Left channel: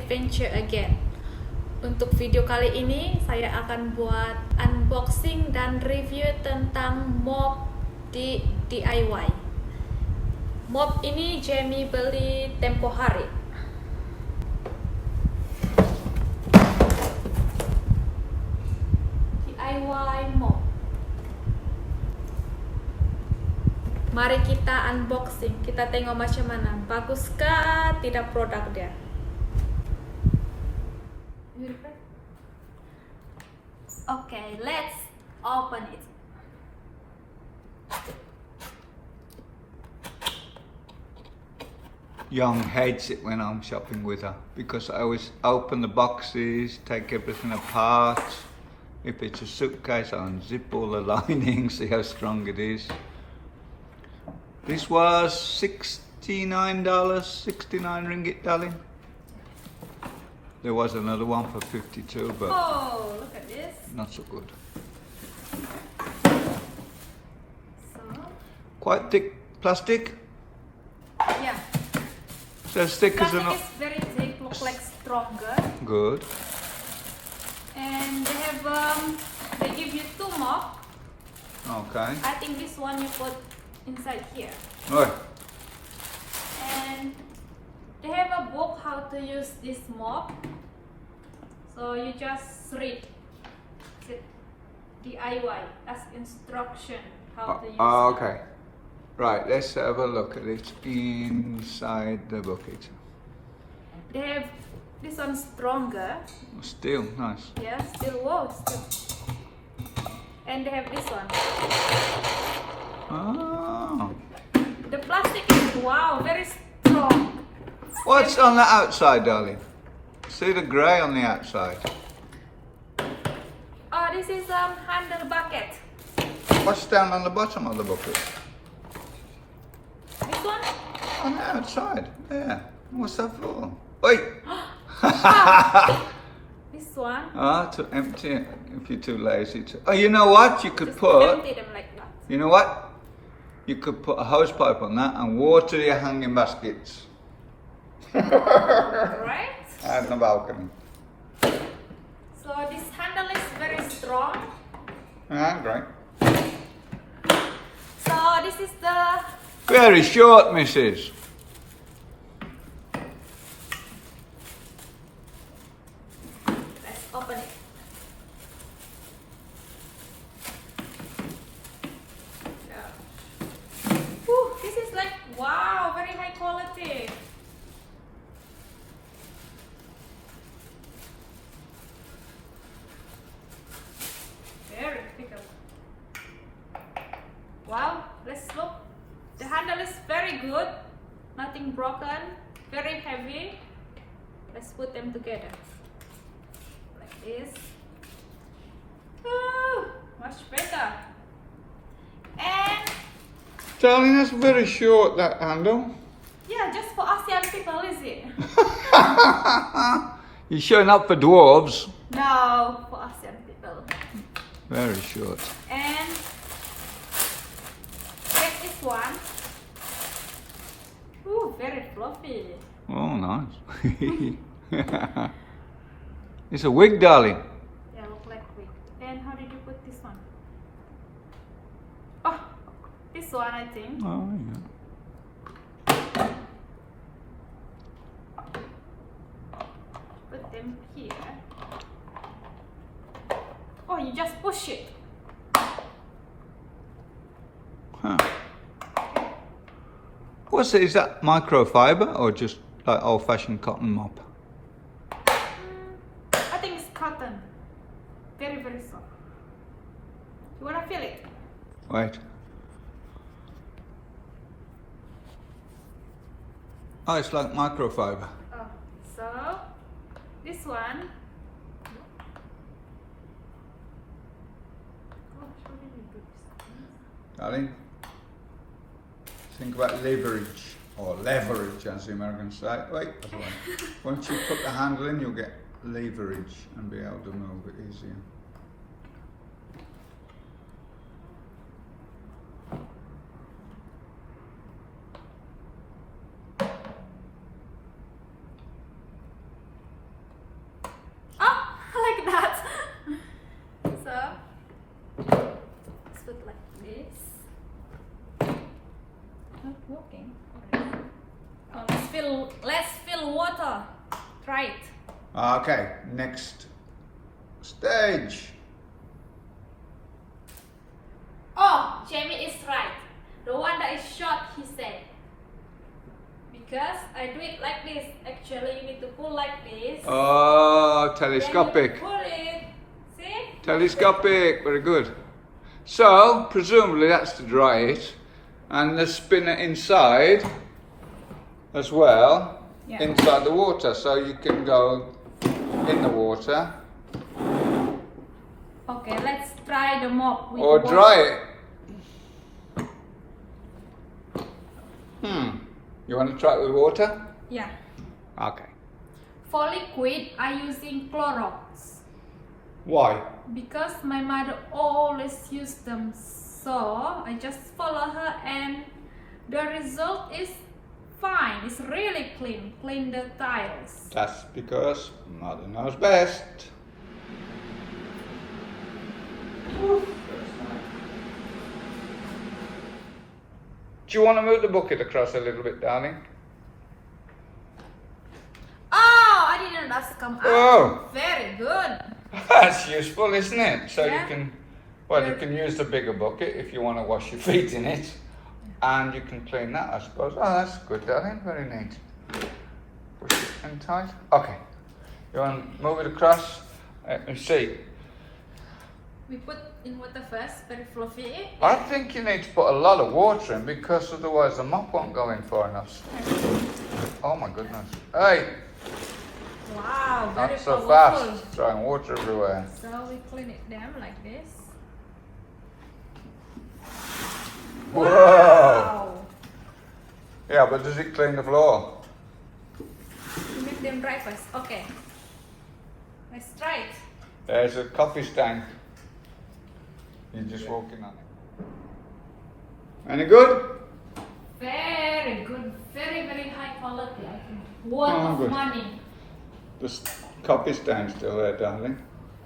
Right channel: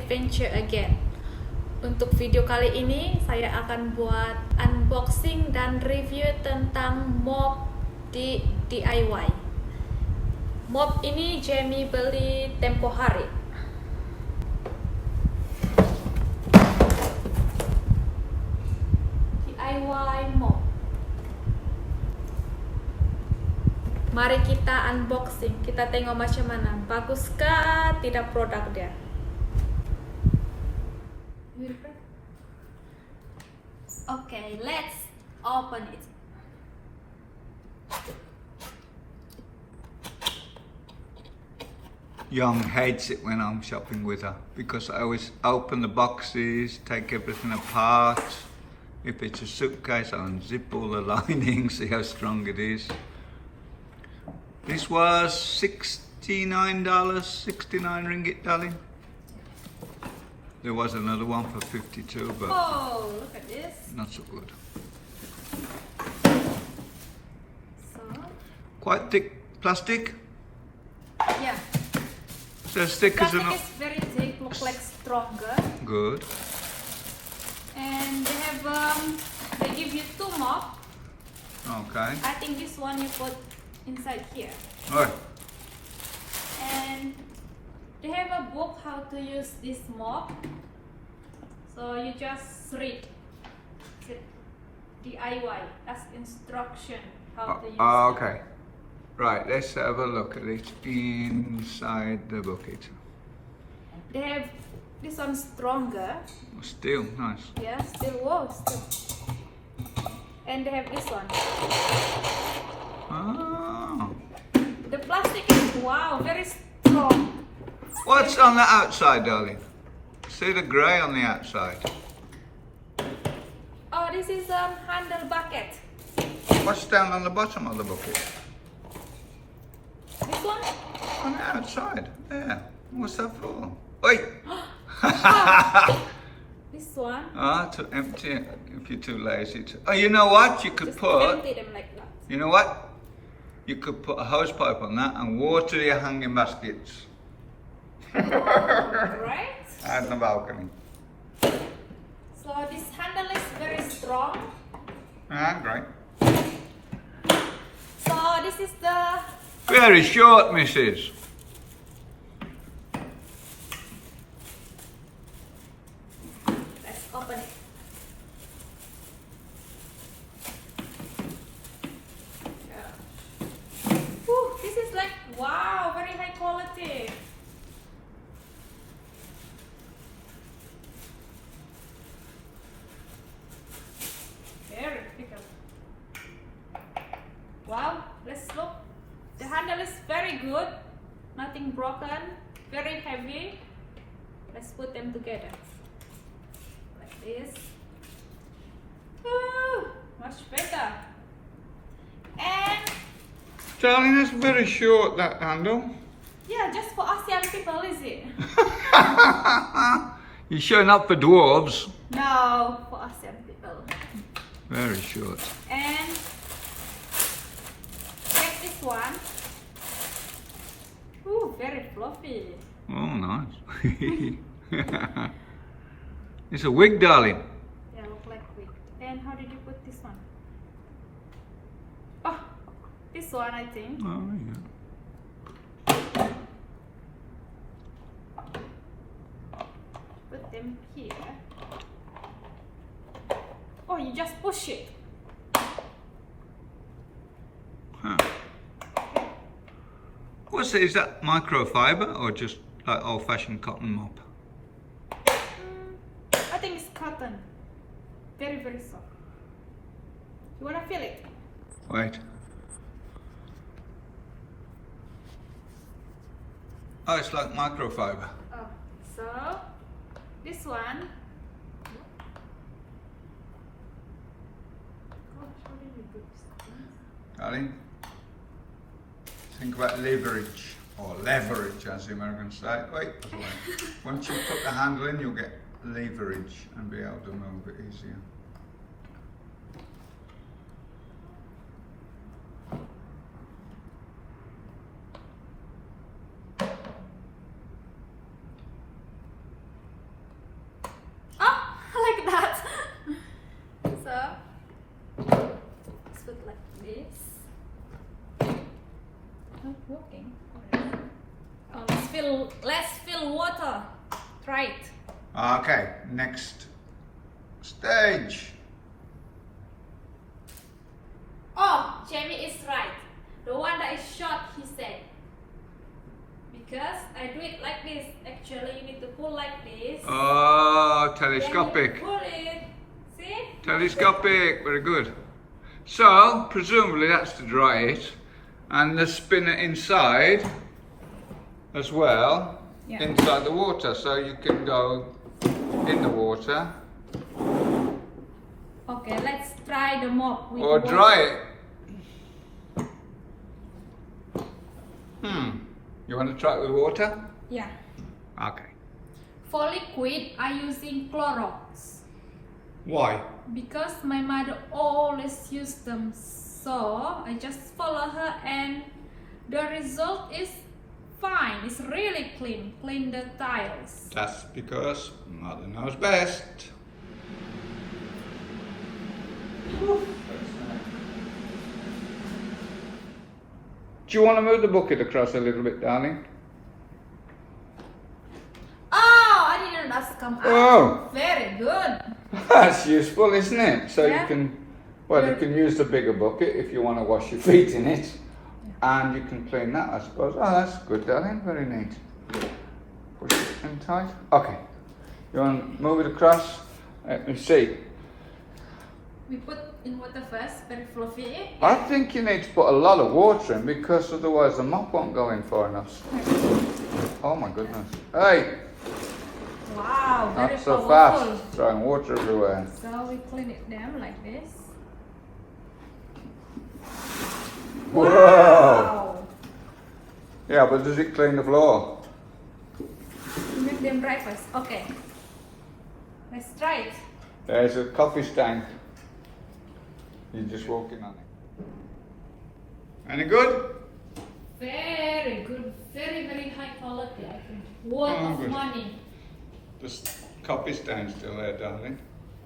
adventure again. Untuk video kali ini saya akan buat unboxing dan review tentang mop di DIY. Mop ini Jamie beli tempo hari. DIY mop. Mari kita unboxing, kita tengok macam mana. Baguskah tidak produk dia? Okay, let's open it. Young hates it when I'm shopping with her because I always open the boxes, take everything apart. If it's a suitcase, I unzip all the linings, see how strong it is. This was $69, 69 ringgit, darling. There was another one for 52, but Oh, look at this. not so good. So, Quite thick plastic. yeah. So stickers Plastic are not is very thick, look like stronger. good. And they have they give you 2 mop. Okay. I think this one you put inside here. Right. And they have a book how to use this mop. So you just read DIY as instruction how to use it. Okay. Right, let's have a look at it inside the bucket. They have this one stronger. Still nice. Yeah, still wow, still. And they have this one. Oh. The plastic is wow, very strong. What's on the outside, darling? See the grey on the outside. Oh, this is handle bucket. What's down on the bottom of the bucket? This one? On the outside. There. What's that for? Wait. This one. To empty it if you're too lazy to. Oh, you know what? You could Just put. empty them like that. You know what? You could put a hose pipe on that and water your hanging baskets. Right? Out on the balcony. So this handle is very strong. Great. So this is the Very short, missus. let's open it. Yeah. Whew, this is like wow, very high quality. Very big. Wow, let's look. The handle is very good, nothing broken, very heavy. Let's put them together like this. Woo, much better. And Darling, that's very short, that handle. yeah, just for ASEAN people, is it? You're sure not for dwarves? No, for ASEAN people. Very short. And check this one. Ooh, very fluffy. Oh, nice. It's a wig, darling. Yeah, look like wig. And how did you put this one? Oh, this one I think. Oh, Put them here. Oh, you just push it. Huh. What's it? Is that microfiber or just like old-fashioned cotton mop? I think it's cotton. Very, very soft. You wanna feel it? Wait. Oh, it's like microfiber. Oh, so this one. Gosh, how did we do this? Darling, think about leverage, or leverage as the Americans say. Wait, once you put the handle in, you'll get leverage and be able to move it easier. let's fill water. Try it. Okay, next stage. Oh, Jamie is right. The one that is short, he said. Because I do it like this. Actually, you need to pull like this. Oh, Then you telescopic. pull it. See? Telescopic, very good. So, presumably that's to dry it. And the spinner inside as well, Yeah. inside the water. So you can go in the water Okay, let's try the mop. With or water. dry it. You want to try it with water? Yeah. Okay. For liquid, I'm using Clorox. Why? Because my mother always used them. So I just follow her and the result is fine. It's really clean. Clean the tiles. That's because Mother knows best. Do you want to move the bucket across a little bit, darling? Oh, I didn't know that's come out. Oh. Very good. That's useful, isn't it? So Yeah. you can use the bigger bucket if you want to wash your feet in it, and you can clean that, I suppose. Oh, that's good, darling. Very neat. Push it in tight. Okay. You want to move it across? You see. We put in water first, very fluffy. I Yeah. think you need to put a lot of water in because otherwise the mop won't go in for us. Oh my goodness. Hey! Wow, very Not so powerful. fast. Throwing water everywhere. So we clean it down like this. Wow. Wow! Yeah, but does it clean the floor? We make them dry first. Okay. Let's try it. There's a coffee stand. You just walk in on. Any good? Very good. Very, very high quality. I think. Worth Oh, of good. money. The coffee stand still there, darling.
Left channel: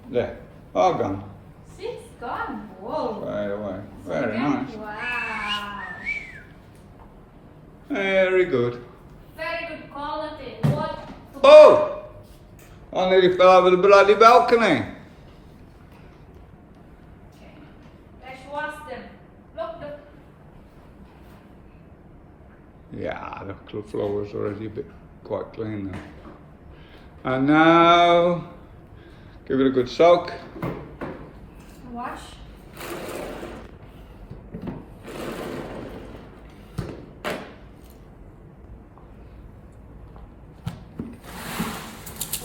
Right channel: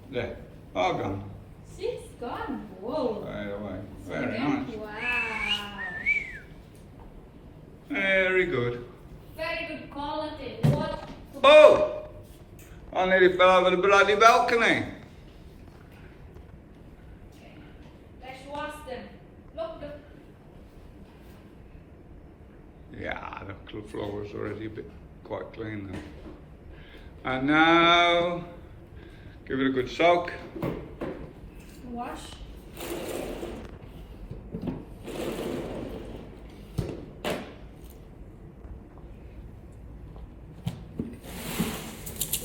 There. All gone. See, it's gone. Whoa. Right away. Very Yeah. nice. Wow. Very good. Very good quality. What? Oh! I nearly fell over the bloody balcony. Let's wash them. Look, the Yeah, the floor was already a bit quite clean now. And now, give it a good soak. wash.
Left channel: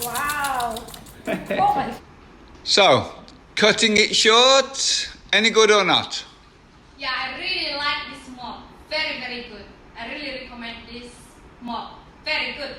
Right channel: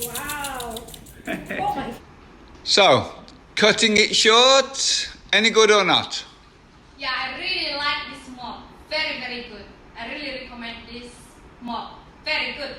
Wow. Oh my. So, cutting it short, any good or not? Yeah, I really like this mop. Very, very good. I really recommend this mop. Very good.